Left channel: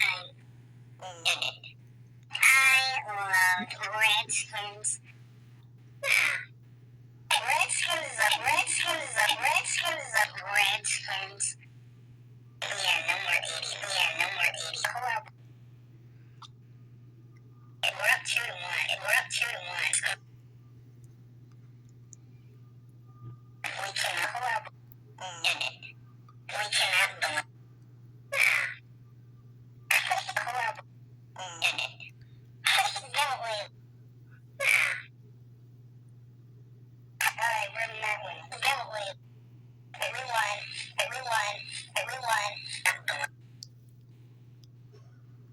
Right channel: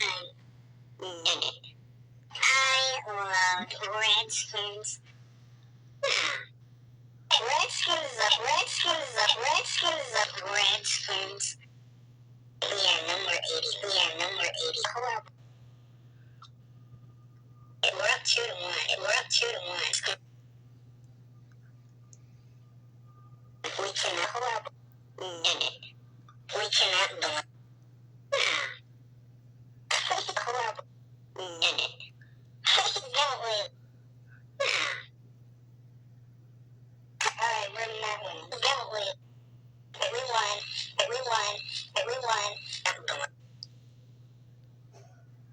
time. I loved Redskins. Redskins. Yeah, number 80. Horrible. We're up 2-1. We cannot horrible. We cannot do it. Horrible. Please don't win.